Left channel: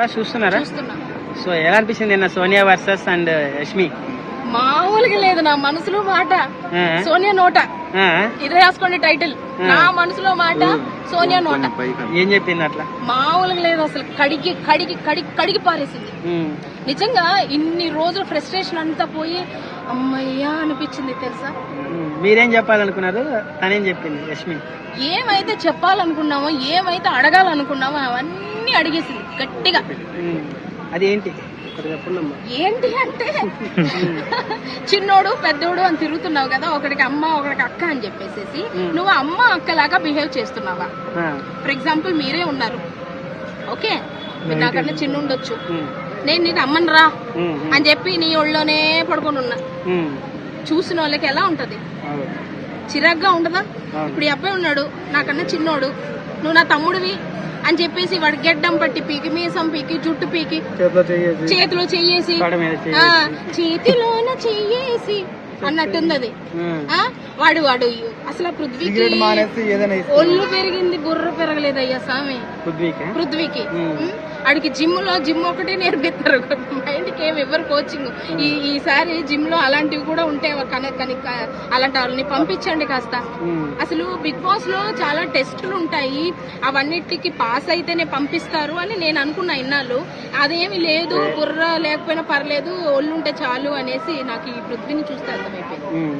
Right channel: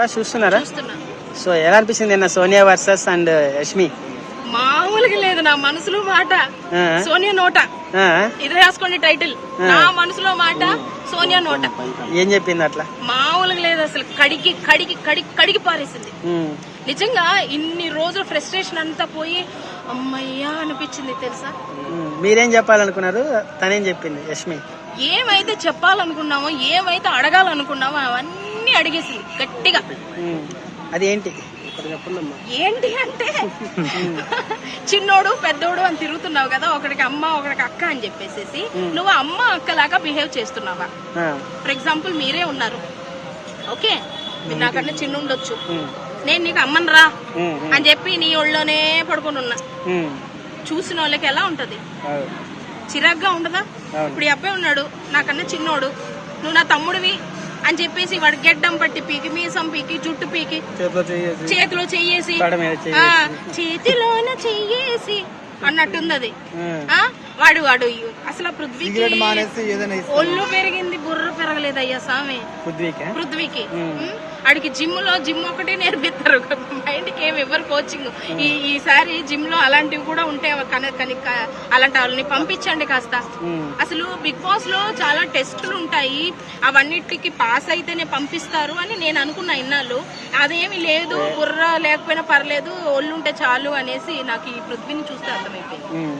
Boss చూస్తున్నారా? చూస్తున్నా. So ఎలా అనిపిస్తుంది నిన్న సోనియా వర్సెస్ అండ్ యష్మి? మామూలుగా లేదు నా మనసులో మాట. సోనియా నోట. ఇదే రాసుకోండి టైటిల్. నా మనసులో మాట సోనియా నోట. ఏం చెప్పింది అట్లా? మామూలుగా లేదు అసలు. కడిగి కడిగి కడిగి కడిగి పారేసింది. నిజంగా ఇన్ని రోజులు ఫ్రస్ట్రేషన్ అంతా పోయి అమ్మయ్యా అనిపించింది తెలుసా? మీరేం చెప్పాలనుకున్నారు? తనేం చెప్పింది యష్మి? ఏమైతే చెప్పాలనుకున్నామో ఏమైతే అడగాలనుకున్నామో అవన్నీ అడిగేసింది గట్టిగా. ఉమ్, అది ఏంటి అంటే చిన్నోడు పెద్దోడు అని తిరుగుతున్నావు కదా ఒకడికి అమ్మ ఒకడికి అక్క అని చెప్పేసి నువ్వు అమ్మ అక్కలాగా బిహేవ్ చేస్తున్నావా? ఫర్ ఎగ్జాంపుల్ మీరే ఉన్నారు. ఓకే? నాకన్నా చిన్న ఉండొచ్చు నేను నీకు అమ్మని రా ఉమ్, ఉమ్, అని చెప్పి నీ ఒళ్ళోనే పడుకొని ఉన్నా చూసిన వాళ్ళకి ఎలా ఉంటది. చిరాగ్గా ఉండదా? ఇప్పుడు ఈ అబ్బాయి ఉన్నాడు నాకన్నా చిన్నోడు. నువ్వు నా తమ్ముడివి? అని చెప్పేసి వాడు గెడ్డం పట్టి పీకి మీసం పీకి జుట్టు పీకి చేతిలో చెయ్యేసి. చేతిలోన చెయ్యేసి అన్నట్టుంది అది. వాడు వాడు అసలు పృథ్వీకి ఒళ్ళు పెరిగింది బుర్ర పెరగలేదయ్యా స్వామి. పృథ్వీకి? ఆడికి జిమ్లో జిమ్ ఒకటే నేర్పిస్తారు. మైండ్కి ఏమి ఇవ్వరు కోచింగ్. ఈ ఈసారి జిమ్లో అలాంటివి కూడా ఉంటాయి కన- కనుక అలాంటి వాళ్ళని పంపించండి కాస్త. అసలు బిగ్ బాస్లో చాలా టెస్టులు ఉంటాయి. అవన్నిటికి పాస్ అయితేనే పంపిస్తారు అని నేను అనుకున్నా ఇన్నాళ్ళు. అదేమి లేదు బుర్ర లేకపోయినా పర్లేదు ఒళ్ళు ఉంటే చాలు అనేసి నాకు ఈ పృథ్వీని చూస్తే అర్థమైపోయింది.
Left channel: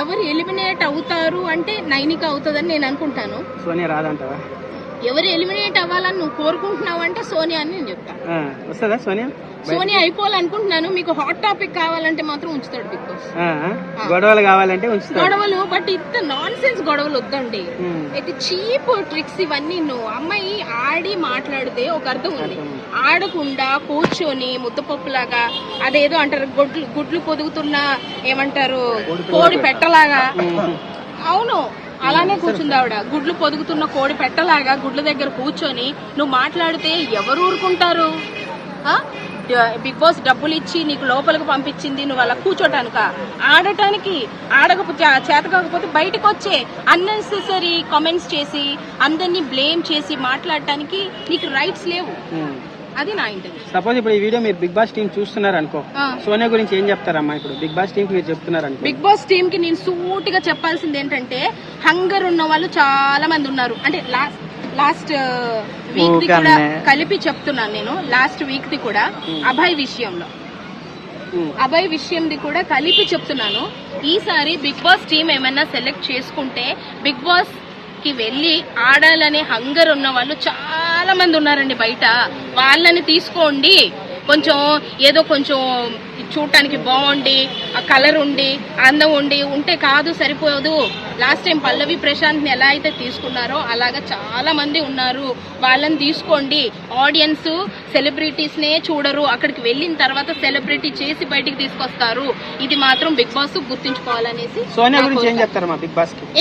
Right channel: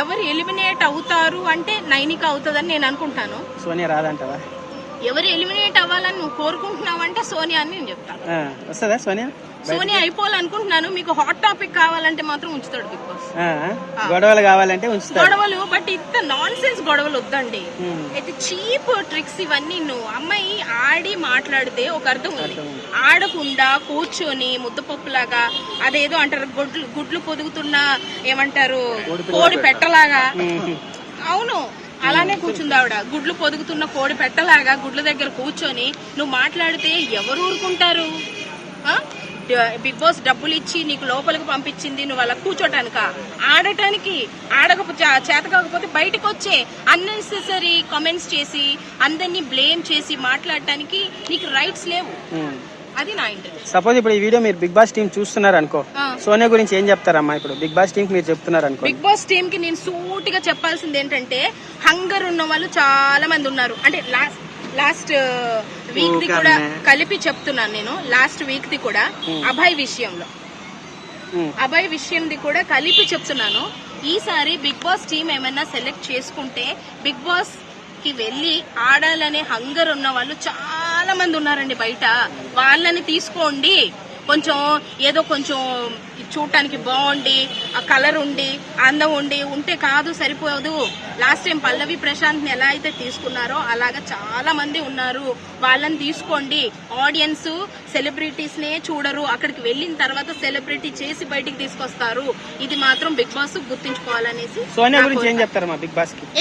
ఎవరు ఎలిమినేట్ అవుతారు అంటే నైనిక అవుతుందని నేను అనుకుంటాను. సోనియా రాదంటావా? ఎవరు ఎలిమినేట్ అవ్వాలని నువ్వు కోరుకుంటున్నావు అంటే సోనియా అని నేను చెప్తాను. వస్తుందా సోనియా? సోనియా అయిపోవాలనుకుంటున్నాను. మీకు హాట్ టాపిక్ కావాలంటే మాత్రం ఉంచుతాడు బిగ్ బాస్. గొడవలు కావాలంటే గొడవలు బట్ ఇంత నాన్ సెన్స్ గొడవలు వద్దండి. అయితే చీప్ ట్రిక్స్ ఇవన్నీ నువ్వు అమ్మాయి ఆడి మాట్లాడితే ఒక అర్థం ఉంది. ఆడకుండా కూర్చొని ముద్దపప్పులాగా అదేదో అంటారు గుడ్లు గుడ్లు పొదుగుతున్న ఏమంటారు కోడి పెట్టలాగా. అవును అలానే కూర్చుంది ఆవిడ. గుడ్లు పొదుగుతున్న కోడి పెట్టలాగా గుడ్ల దగ్గర కూర్చొని నువ్వు మాట్లాడితే ఎవరు ఊరుకుంటారు? బిగ్ బాస్ డబ్బులు ఇచ్చి నీకు లోపలికి పంపించింది నువ్వు అలా కూర్చోటానిక? ఆడటానికి ఆడకపోతే చేత కాకపోతే బయటకు వచ్చే అన్నెసెసరీ కామెంట్స్ చేసి అందరినీ బ్లేమ్ చేసి మాట్లాడటానికి నీకు రైట్స్ లేవు. అది నా ఇంటర్వ్యూ. సపోజ్ ఇప్పుడు ఈ వీడియో మీరు బిగ్ బాస్ టీం చూస్తున్నారు అనుకో సోనియా గురించి ఏం చెప్తారమ్మా? ఇప్పుడు బిగ్ బాస్ టీం మీరు చెప్తున్నారు అనుకో బిగ్ బాస్ టీమ్కి నేను సూటిగా చెప్పాల్సింది ఏంటంటే హంగర్ ఉన్న వాళ్ళు చాలా మంది ఉన్నారు. అంటే లాస్ట్ లాస్ట్ వీక్ ది కూడా కలిపి చెప్తున్నాను నేను. లాస్ట్ వీక్ ది కూడా అభయ్ విషయంలో. అభయ్ విషయంది కూడా కలిపి చెప్తున్నాను. ఈసారి బిగ్ బాస్ టీం ఏమైనా సెలెక్ట్ చేసుకుంటే బిగ్ బాస్కి వెళ్ళి ఆడాలనే హంగర్ ఉన్న వాళ్ళు చాలా మంది ఉన్నారండి బయట. వాళ్ళని తీసుకోండి. కొంచెం ఏదో కొంచెం చూడటానికి బాగుండి ఆ కలర్ ఉండి అందం ఉండి ఉంటే కాదు సరిపోదు. లాస్ట్ టైం పల్లవి ప్రశాంత్ని ఎలా అయితే తీసుకున్నారో అలాగా చాలా మంది ఉన్నారు. వాళ్ళని తీసుకోండి. ఆడియన్స్ సెలబ్రిటీస్ నే చూడరు. అక్కడికి వెళ్ళిన తర్వాత సెలబ్రిటీ చేసి బయటికి తీసుకొస్తారు. ఇది మాత్రం బిగ్ బాస్ గుర్తుంచుకోవాలనేసి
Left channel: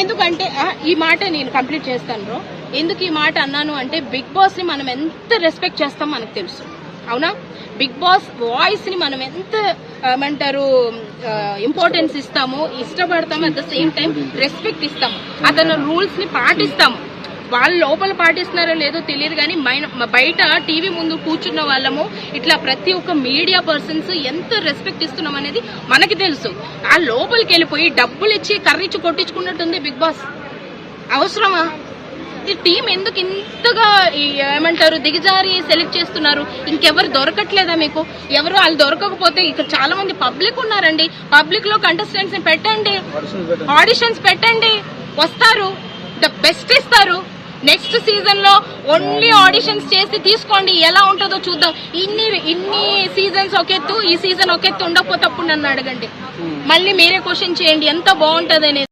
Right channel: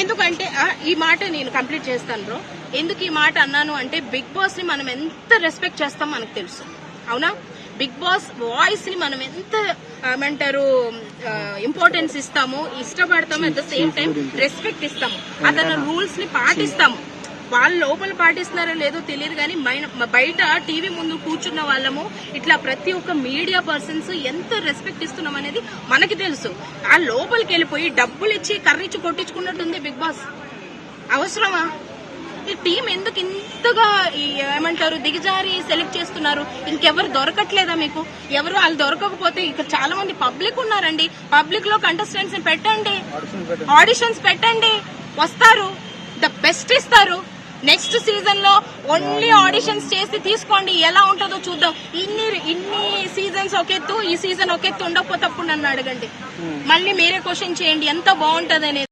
ఎందుకంటే ఈ మాట నేను కంప్లీట్ చేస్తాను బ్రో. ఎందుకు ఈ మాట అన్నాను అంటే బిగ్ బాస్ని మనం ఎంత రెస్పెక్ట్ చేస్తాం మనకు తెలుసు. అవునా? బిగ్ బాస్ వాయిస్ని మనం ఎంత ఏమంటారు ఇంపార్టెన్స్ ఇస్తాము ఇష్టపడతాము at the same time respect ఇస్తాము. అతను రూల్స్ని పాటిస్తాము. వాళ్ళు లోపల పాటిస్తున్నారో లేదో తెలియదు కానీ మైన- బయట టీవీ ముందు కూర్చున్న వాళ్ళము ఇట్లా ప్రతి ఒక్క మీడియా పర్సన్స్ ఎంత రెస్పెక్ట్ ఇస్తున్నాం అనేది మనకి తెలుసు. ఆ లోపలికి వెళ్ళిపోయి డబ్బులు ఇచ్చి కర్రిచ్చి కొట్టించుకున్నట్టుంది బిగ్ బాస్. అవసరమా? ఈ టీం ఎందుకు ఇంతగా ఏమంటారు దిగజారి సెలెక్ట్ చేస్తున్నారు? ఇంకెవరు దొరకట్లేదా మీకు? ఎవరు వాళ్ళు దొరకకపోతే ఇక్కడ చాలా మంది పబ్లిక్ ఉన్నారండి. పబ్లిక్లో కంటెస్టెంట్స్ పెట్టండి. ఆడిషన్స్ పెట్టండి. వస్తారు. ద బెస్ట్ ఇస్తారు. నెక్స్ట్ సీజన్లో ఓన్లీ ఆడిషన్స్ చేసి తీసుకోండి. ఎలా ఉంటుందో చూద్దాం. ఇన్ని ఇన్ని సీజన్స్ ఒకెత్తు ఈ సీజన్ ఒకెత్తు ఉండకపోతే అప్పుడు నన్ను అడగండి. మళ్ళీ మీరే క్వశ్చన్ చేయండి. ఎంత బాగుంటది